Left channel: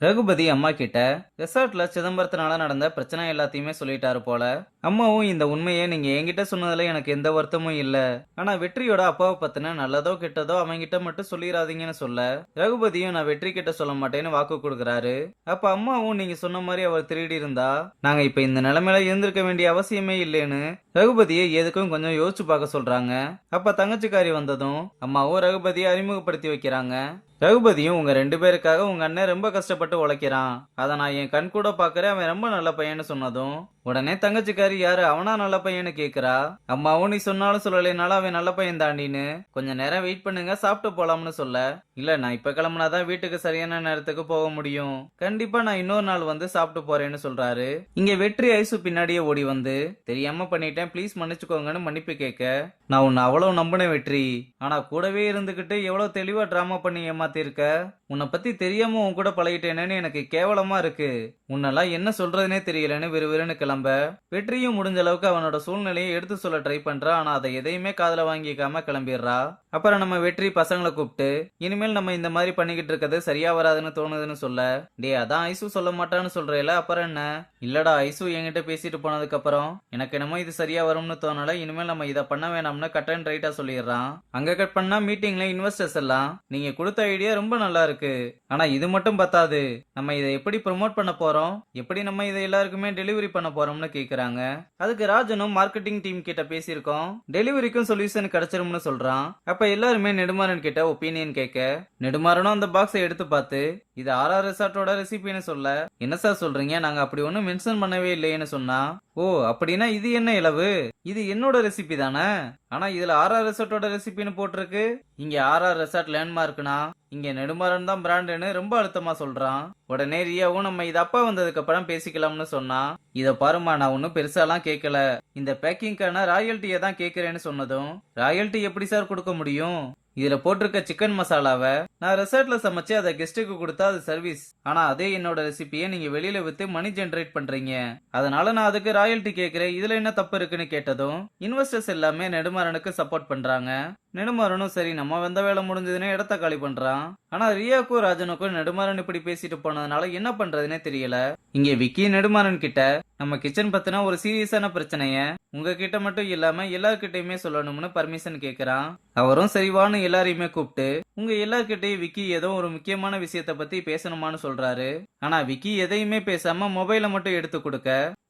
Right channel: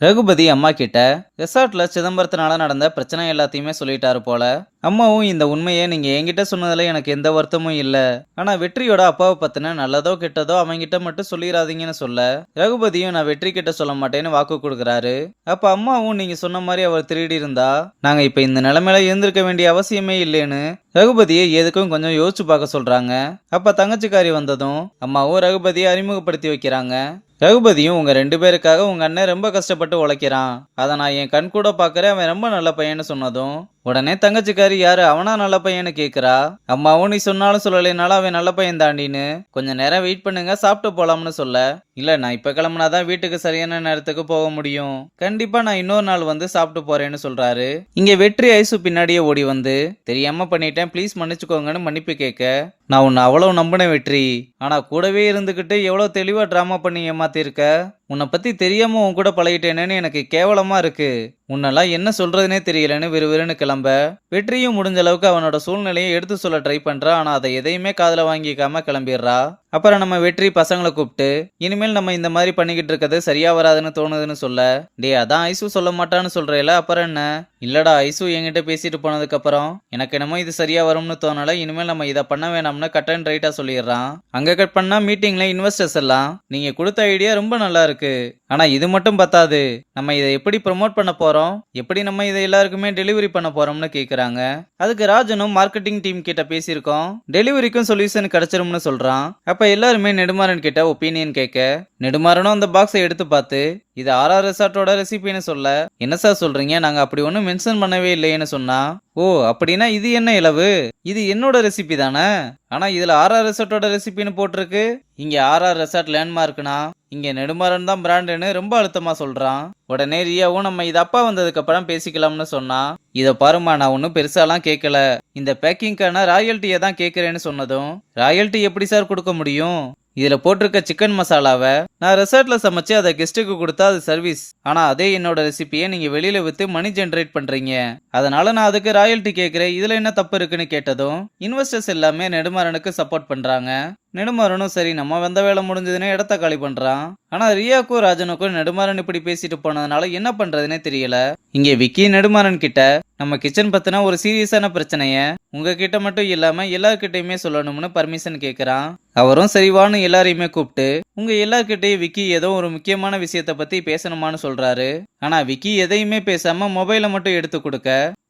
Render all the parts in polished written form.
ரகுபதி அம்மா கிட்ட ரெசார்ட்ல சிதம்பரத்தினால நடந்த பிரச்சனை எல்லாத்தையுமே சொல்லிட்டாரு போல. அம்மாவும் இந்த உண்மையை நீங்க என்கிட்ட சொன்னதுல எனக்கு எந்த வருத்தமும் இல்ல. ஆனா வெற்றியோட அப்பாவை பத்தின நல்லதோ கெட்டதோ அவங்கிட்ட மட்டும் சொல்லிடாதீங்கன்னு சொல்ல, ரகுபதியும் நான் வெற்றி கிட்ட சொல்ல மாட்டேன்னு வாக்கு கொடுக்குறாரு. அப்ப அம்மாவும் நீங்க சொன்ன மாதிரி அவர் திருடி இருந்தா நாங்க இப்ப இந்த நிலைமையில இருந்திருக்க வேண்டிய அவசியமே இல்லைன்னு ரகுபதியை எதுக்கும் கொஞ்சம் யோசிச்சு பார்க்க சொல்றாங்க. அப்ப தங்கச்சிக்காரி வந்ததும் அம்மாவும் ரகுபதியை அறிமுகப்படுத்தி வைக்கிறாங்க. ரகுபதியும் உங்க 2 பேருக்காக உங்க அண்ணன் ரொம்ப கஷ்டப்பட்டு உழைக்கிறான். அத நான் என் கண் கூட பாக்குறேன். அவன் ரொம்ப நல்ல பையன்னு சொன்னதும் உடனே தங்கச்சிக்காரி யாரு அவனா நல்ல பையன்னு கேக்குறா. அம்மாவும் நீ சொன்னாலும் சொல்லலைனாலும் அவன் நல்ல பையன் தாண்டின்னு கொஞ்ச நேரம் வெயிட் பண்ணுங்க சாப்பிட்டு போலாம்னு சொல்ல, இல்ல நான் இப்ப கிளம்புனாதான் வீட்டுக்கு சரியான நேரத்துக்கு போக முடியும். கண்டிப்பா நான் இன்னொரு நாள் வந்து சாப்பிட்டு போறேன்னு சொல்றாரு. இங்க வெற்றி ஐசு பின்னாடியே ஓடி வந்து தெரியாம பண்ணிட்டேன் ப்ளீஸ் மன்னிச்சுக்கோங்கன்னு மன்னிப்பு கேட்க, நான் உன்னை அவ்வளவு நம்பினேன் வெற்றி. ஆனா கூடவே இருந்துகிட்டு எவ்வளவு தெளிவா டிராமா பண்ணி ஏமாத்திருக்க. உன்னை பத்தி தெரியாம உன் கூட பழகிட்டேனேன்னு எனக்கு கேவலமா இருக்கு. உன்னெல்லாம் என்ன சொல்றதுனே தெரியலன்னு விறுவிறுன்னு கிளம்ப, வெற்றியும் முடிஞ்ச அளவுக்கு அவனோட சூழ்நிலையை எடுத்து சொல்ல ட்ரை பண்றா. ஆனா அதை எதையுமே காதுல வாங்கிக்காம கிளம்பிடுறா. அப்புறம் நம்ம வெற்றி பசங்களை கூப்பிட்டு இனிமேல் நம்ம இந்த மாதிரி பண்ணிக்கிட்டு இருக்கிறது சரியா வராதுன்னு தோணுதுன்னு சொல்ல, டே அதான் ஐசு சொல்ல மாட்டான்னு சொல்றேல அப்புறம் என்ன. இல்லடா ஐசு என்கிட்ட பேசிட்டு போனதுக்கு அப்புறம் எனக்கு என்னமோ இது சரியா வரும்னு தோணல. இனிமேல் நம்ம இதை பண்ண வேணாம்னு கட் அண்ட் ரைட்டா சொல்லிடுறான். அங்க கட் பண்ணா மீட்டிங்ல இன்வெஸ்டர்ஸ் எல்லாம் நீங்க கொடுத்த ஐடியா ரொம்ப நல்லா இருக்கு. ஆனா இது மட்டும் பத்தாது. நம்ம இதை எப்படி ப்ரமோட் பண்ண போறோம், எப்படி நம்ம இதை எல்லாருக்குமே டெலிவரி பண்ண போறோம்னு கேக்குறாங்க. அதுக்கு ராஜனும் மார்க்கெட்டிங் டீம் கிட்ட பேசியிருக்கோம், டெலிவரிக்கும் சொல்யூஷன் கிடைச்சிரும்னு சொல்றான். அப்ப எல்லாருமே நெடுமாறன் கிட்ட ஒப்பீனியன் கேட்க, நெடுமாறனும் அந்த பாக்ஸை எடுத்து பார்த்து இது ஆர்ஆர் ரெசார்ட்டோட ரெசிபின்னு சொல்ல, என்ன சார் சொல்றீங்க, நாங்க அப்படி ஒன்றும் மென்ஷன் பண்ணவே இல்லையேன்னு சொன்னா, ஓ அப்படின்னா இது என்ன இலவு, இது என்னோட ரெசிபி தானே. ஆனா இதுல ஆர்ஆர் ரெசார்ட்டோட ரெசிபின்னு போட்டிருக்கு. இங்க ஆர்ஆர் ரெசார்ட் லேண்ட்மார்க்னா இங்க நெடுமாறன் தான் பிராண்டுன்னு ரொம்ப அழுத்தமா சொல்றான். உடனே ரியாவும் நம்ம இது அப்பா வந்ததுக்கு அப்புறம் பேசிக்கலாம்னு சொன்னா, இத பாருமா நான் ஒன்னும் பெருசாலாம் கேட்கல, இந்த பேக்கிங்கான ராயல்ட்டியை தான் கேட்கறேன்னு சொன்னதும், ராயல்ட்டி எப்படி சார் கொடுக்க முடியும், இதுல போட்டிருக்க சிக்கன் மசாலாவை நான் ரெசார்ட்ல சமைச்சு அதை கெஸ்ட்டுக்கு கொடுத்தா அது சர்வீஸ். ஆனா அதே என்னோட ரெசிபியை நீங்க வெளியில வித்து மணி ஜென்ரேட் பண்றீங்க, அதனால நான் அதுக்கு ராயல்ட்டி கேட்கிறேன், இதுல என்ன தப்பு இருக்குன்னு கேட்டதும் இன்வெஸ்டர்ஸ் எல்லாமே நெடுமாறனுக்கு சப்போர்ட் பண்றாங்க. நெடுமாறனும் சரி நம்ம வந்த வேலை முடிஞ்சதுன்னு இடத்த காலி பண்றான். ஆனா ரியாக்கும் ராஜனுக்கும் நெடுமாறன் இப்படி பேசிட்டு போனதுனால என்ன பண்றதுன்னே தெரியல. இங்க விக்கி நெடுமாறன் கிட்ட நம்ம கிச்சன் பத்தின ஒரு சீரியஸான பிரச்சனைய உங்ககிட்ட மட்டும் இல்லாம எல்லார்கிட்டயுமே சொல்லணும்னு பர்மிஷன் கேக்குறான். அவரும் சரிவான்னு எல்லாரையுமே கூப்பிட்டு உங்க எல்லார்கிட்டயும் விக்கி ஏதோ ஒரு முக்கியமான விஷயத்த பத்தி பேசணுமான்னு சொல்றாரு. ஆனா விக்கி எதையுமே பேசாம மொபைலை மட்டும் எடுத்து கொடுக்க,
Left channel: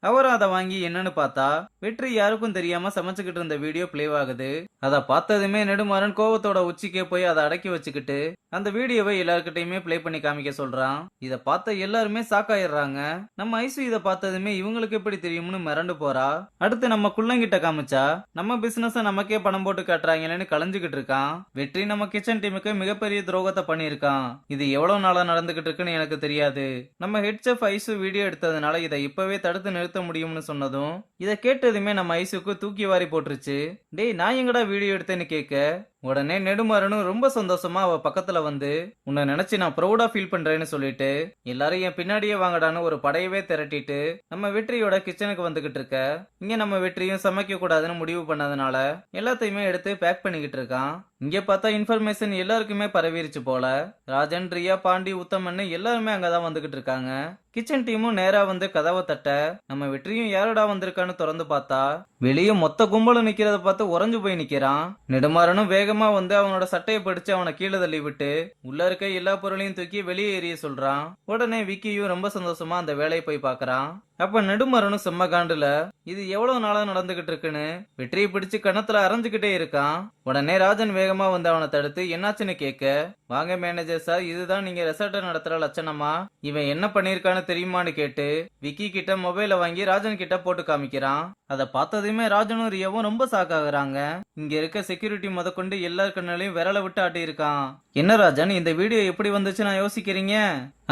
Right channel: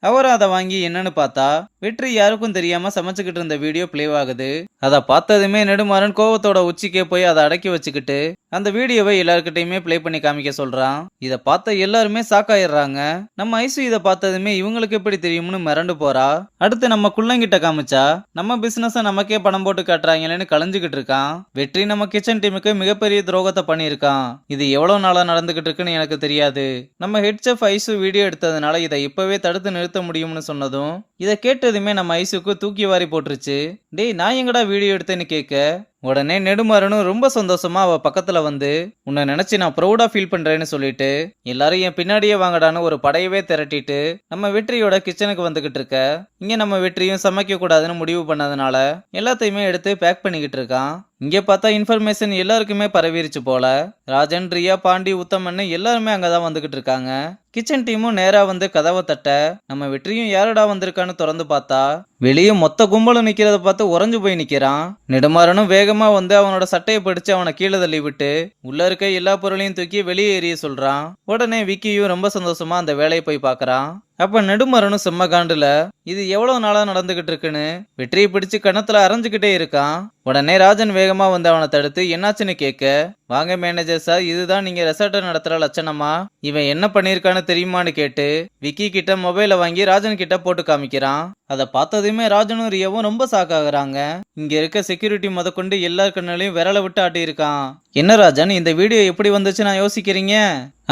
அவரும் அதை வாங்கி என்னன்னு பார்த்தா வெற்றி யாருக்கும் தெரியாம சமைச்சுக்கிட்டு இருந்த வீடியோ பிளே ஆகுது. அதை பார்த்ததுமே நெடுமாறன் கோவத்தோட உச்சிக்கே போய் அதை அடக்கி வச்சுக்கிட்டு அந்த வீடியோவை எல்லார்கிட்டயுமே பிளே பண்ணி காமிக்க சொல்றான். இதை பார்த்த எல்லாருமே சாக்காயிடுறாங்க. நம்ம ஐசு இதை பார்த்ததுமே இவங்களுக்கு எப்படி தெரியும்னு மிரண்டு போறா. அடுத்து நம்ம குள்ளங்கிட்ட காமிச்சா நம்ம பிசினஸ் நமக்கே பணம் போட்டு காட்டுறாங்களேன்னு கலைஞ்சுக்கிட்டு இருக்கான். வெற்றி நம்ம கிச்சன் டீமுக்கு மிகப்பெரிய துரோகத்தை பண்ணியிருக்கான். இது எவ்வளவு நாளா நடந்துகிட்டு இருக்குன்னு எனக்கு தெரியாது. நம்ம ஹெட் செஃப் ஐசு வீடியோ எடுத்ததுனால இதை இப்பவே தடுத்து நிறுத்த முடியும்னு சொன்னதும் இதை கேட்டதுமே நம்ம ஐசுக்கு தூக்கி வாரி போட்டுருச்சு. டேய் நான் எங்கடா வீடியோ எடுத்தேன்னு கேட்க, உடனே நெடுமாறனும் ரொம்ப சந்தோஷமா அவ பக்கத்துல வந்து உன்னை நினைச்சு நான் ப்ரௌடா ஃபீல் பண்றேன்னு சொல்லிட்டு எல்லாரும் என் பின்னாடியே வாங்கடான்னு ஒரு படையவே திரட்டிட்டு நம்ம வெற்றியோட கிச்சனுக்கு வந்துகிட்டு இருக்க. இங்க நம்ம வெற்றியும் சமைக்க கூடாதுன்னு முடிவு பண்ணதுனால எல்லாத்தையுமே எடுத்து பேக் பண்ணிக்கிட்டு இருக்கான். இங்க பார்த்தா இன்ஃபர்மேஷன் எல்லாருக்குமே பரவிருச்சு போல. ராஜன், ரியா, பாண்டி, உத்தமன்னு எல்லாருமே அங்கதான் வந்துகிட்டு இருக்காங்க. கிச்சன் டீமும் நேரா வந்து கதவை தட்ட நம்ம வெற்றியும் யாரடா வந்திருக்கான்னு திறந்து பார்த்தா வெளியே மொத்த கும்பலும் நிக்கிறத பார்த்து உறைஞ்சு போய் நிக்கிறான். நெடுமாறனும் வேகமா வந்து அவனோட சட்டையை பிடிச்சு அவனை கீழே தள்ளி விட்டு உள்ள இருக்க எல்லா பொருளையும் தூக்கி வெளியே எறிய சொல்றான். உடனே விக்கியும் ரொம்ப சந்தோஷமா அந்த வேலையை போய் பாக்குறான். அப்ப நெடுமாறனும் செம்ம காண்டுல இது எவ்வளவு நாளா நடந்துகிட்டு இருக்குன்னு வெற்றியை பிடிச்சு கணத்துல அரைஞ்சுக்கிட்டே இருக்கான். உடனே ராஜன் வேகமா வந்து அவனை தடுத்து என்னாச்சுன்னு கேட்க, வாங்க மேனேஜர் சார், இதுதான் நீங்க ரெசார்ட்டை நடத்துற லட்சணமா, இவன் என்ன பண்ணிருக்கான்னு தெரியுமான்னு கேட்டு விக்கி கிட்ட மொபைலை வாங்கி ராஜன் கிட்ட போட்டு காமிக்கிறான். அதை பார்த்ததுமே ராஜனும் ரியாவும் ரொம்ப சாக்காகிறாங்க. இங்க இருக்க செக்யூரிட்டி முதற்கொண்டு எல்லார் கண்ணுலையும் விரலை விட்டு ஆட்டி இருக்கான். என்ன ராஜன் இந்த வீடியோ எப்படி வந்துச்சு நான் யோசிக்கிறீங்க,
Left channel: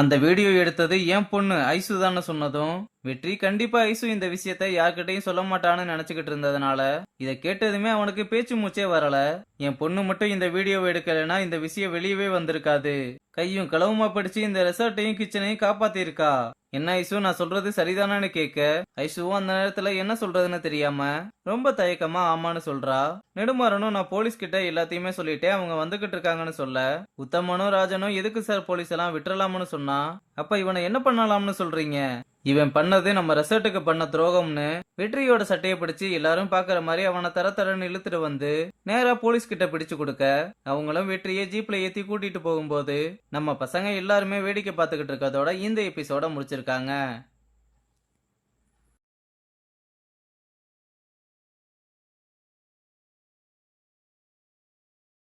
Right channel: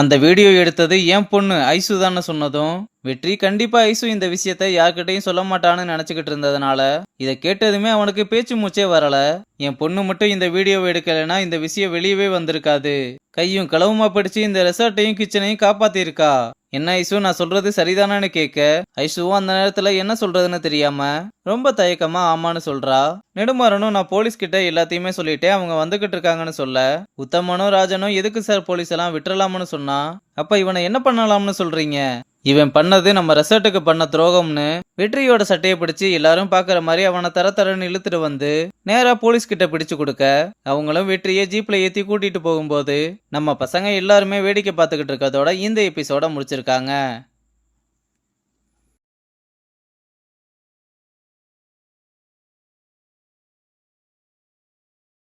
அந்த வீடியோ எடுத்தது என் பொண்ணு ஐசு தான் சொன்னதும் வெற்றி கண்டிப்பா ஐசு இந்த விஷயத்த யார்கிட்டையும் சொல்ல மாட்டான்னு நினைச்சுக்கிட்டு இருந்ததுனால இதை கேட்டதுமே அவனுக்கு பேச்சு மூச்சே வரல. என் பொண்ணு மட்டும் இந்த வீடியோவை எடுக்கலைன்னா இந்த விஷயம் வெளியவே வந்திருக்காது. கையும் களவுமா படிச்சு இந்த ரெசார்ட்டையும் கிச்சனையும் காப்பாத்தி இருக்கா. என்ன ஐசு, நான் சொல்றது சரிதானான்னு கேட்க, ஐசுவும் அந்த நேரத்துல என்ன சொல்றதுன்னு தெரியாம ரொம்ப தயக்கமா ஆமான்னு சொல்றா. நெடுமாறனும் நான் போலீஸ் கிட்ட எல்லாத்தையுமே சொல்லிட்டேன், அவங்க வந்துகிட்டு இருக்காங்கன்னு சொல்ல, உத்தமனும் ராஜனும் எதுக்கு சார் போலீஸ் எல்லாம் விட்டுறலாம்னு சொன்னா, அப்ப இவனை என்ன பண்ணலாம்னு சொல்றீங்க? இவன் பண்ணது நம்ம ரெசார்ட்டுக்கு பண்ண துரோகம்னு வெற்றியோட சட்டையை பிடிச்சு எல்லாரும் பாக்குற மாதிரி அவனை தர தரன்னு இழுத்துட்டு வந்து நேரா போலீஸ் கிட்ட பிடிச்சு கொடுக்க, அவங்களும் வெற்றியை ஜீப்ல ஏத்தி கூட்டிட்டு போகும்போது நம்ம பசங்க எல்லாருமே வேடிக்கை பார்த்துக்கிட்டு இருக்கதோட இந்த எபிசோட முடிச்சிருக்காங்க.